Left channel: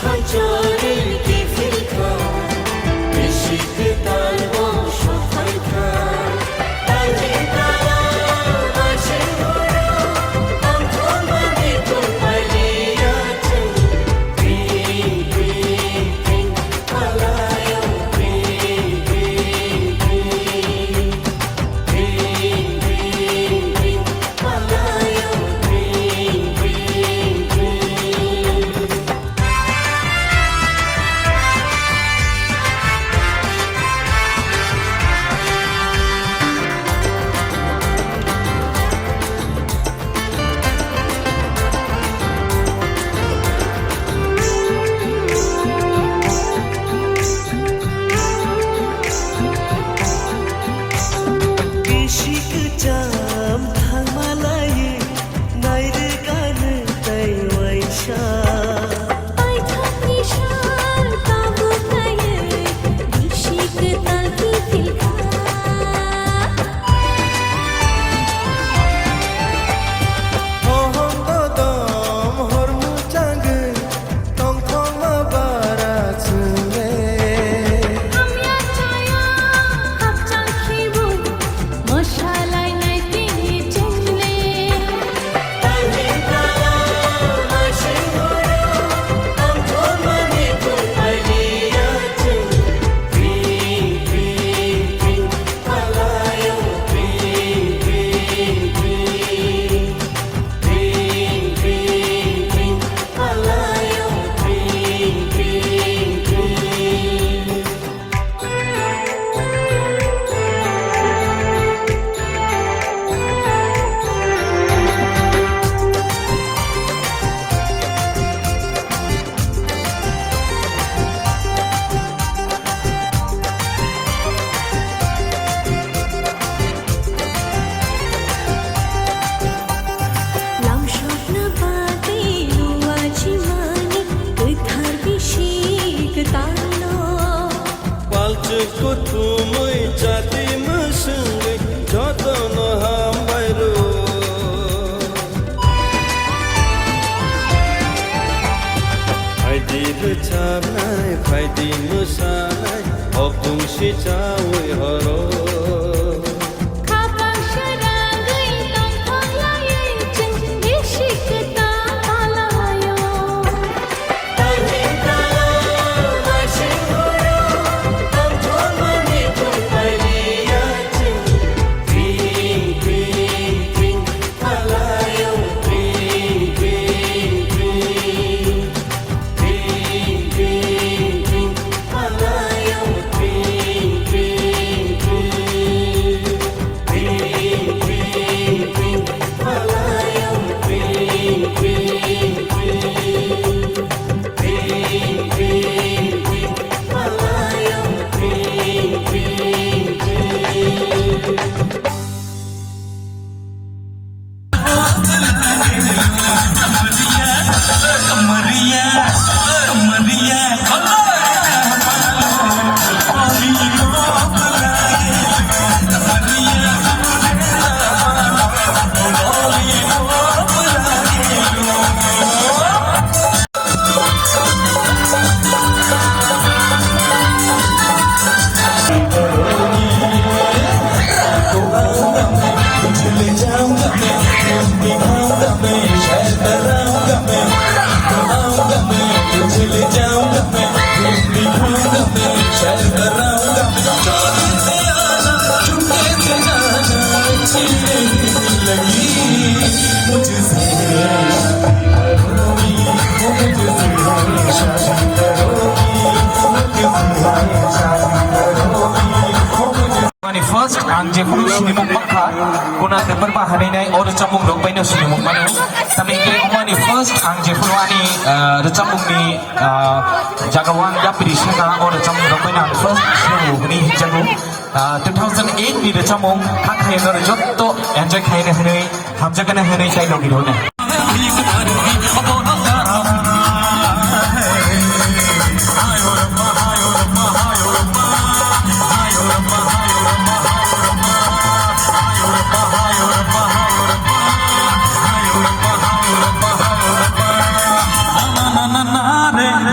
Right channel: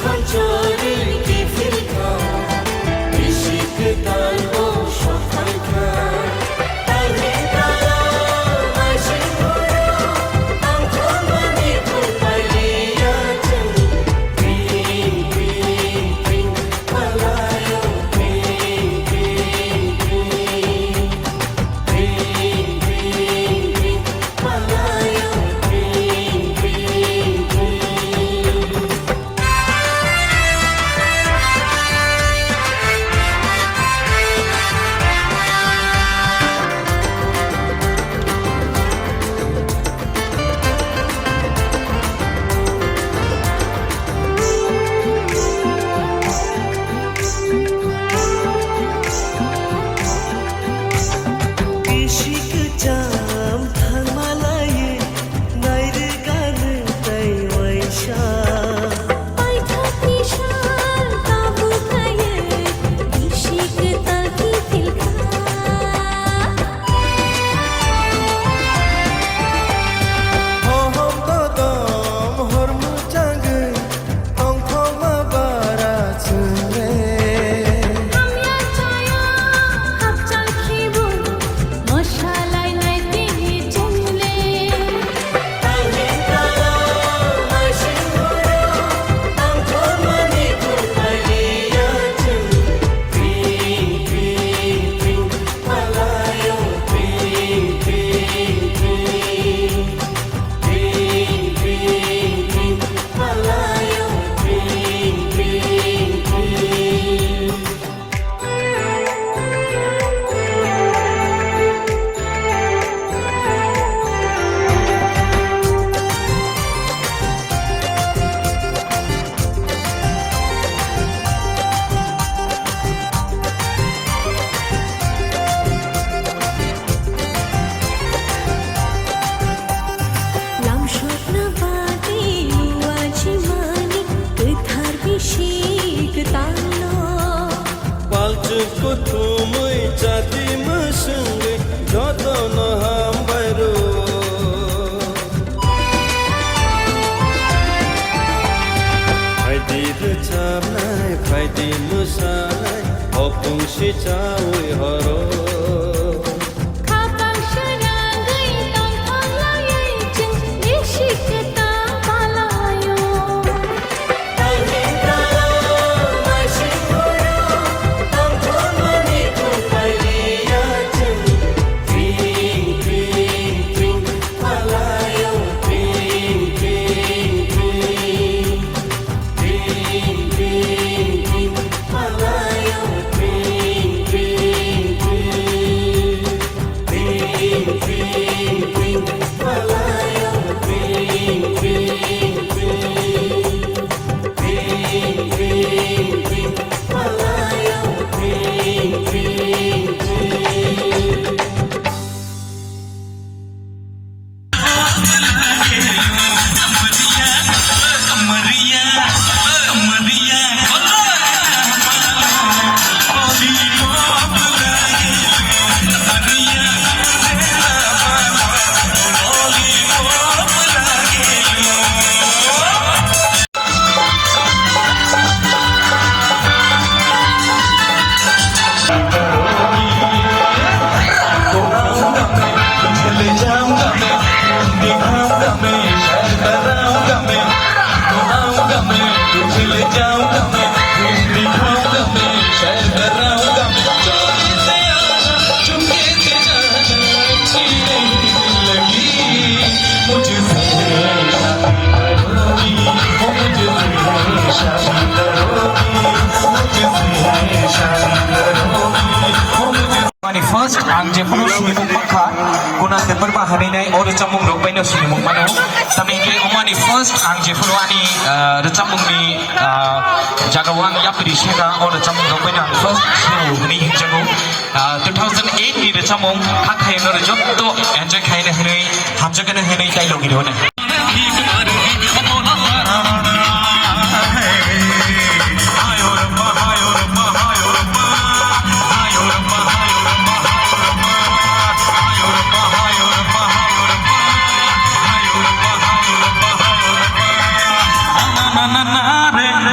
খঞ্চরে কি ফিলকা বিশিক তালবো সফাই খা তালহিন তালা মাসিন হলো আমখো মানি কুলপাইলিয়া চুং পিং পিং পিং পালায়ো পিং পিং পিং পিং পিং পিং পালায়ো পিং পিং পিং jam thang malaye naire gan tai waisha pai thakni shar tabu kaye bishik taki tilka hom dodom hormu changai tong khong ma bara chunge amya chaya hap chal khibu moshalai nai tiye changle তালহিন তালা মাসিন হলো আমখো মানি কুলপাইলিয়া চুং পিং পিং পিং পালায়ো পিং পিং পিং পিং পিং পিং পালায়ো পিং পিং পিং lam shopna bate luaji mani thar bishik talo palchko thumui chati masungai joton ham bairu Aidir chamnai faidi musalai opung si chawi horo khapang sharangai tong thong laye ching bishik ta palayo তালহিন তালা মাসিন হলো আমখো মানি কুলপাইলিয়া চুং পিং পিং পিং পালায়ো পিং পিং পিং পিং পিং পিং পালায়ো পিং পিং পিং পিং পিং পিং পালায়ো পিং পিং পিং Ping, ping, ping, malayo, ping, ping, ping. Mani first ang jepun sinimung makha guna tempat bahani nai ori camung rok baino sinimung mana tapi ke umani first ang jepun wani recamung ni jagawang yapri shega ori camung rok baina first show ni hinjagu 2008 ni recamung khak khaino jotto enjoy khaine hene hamjagana hene tai logi rone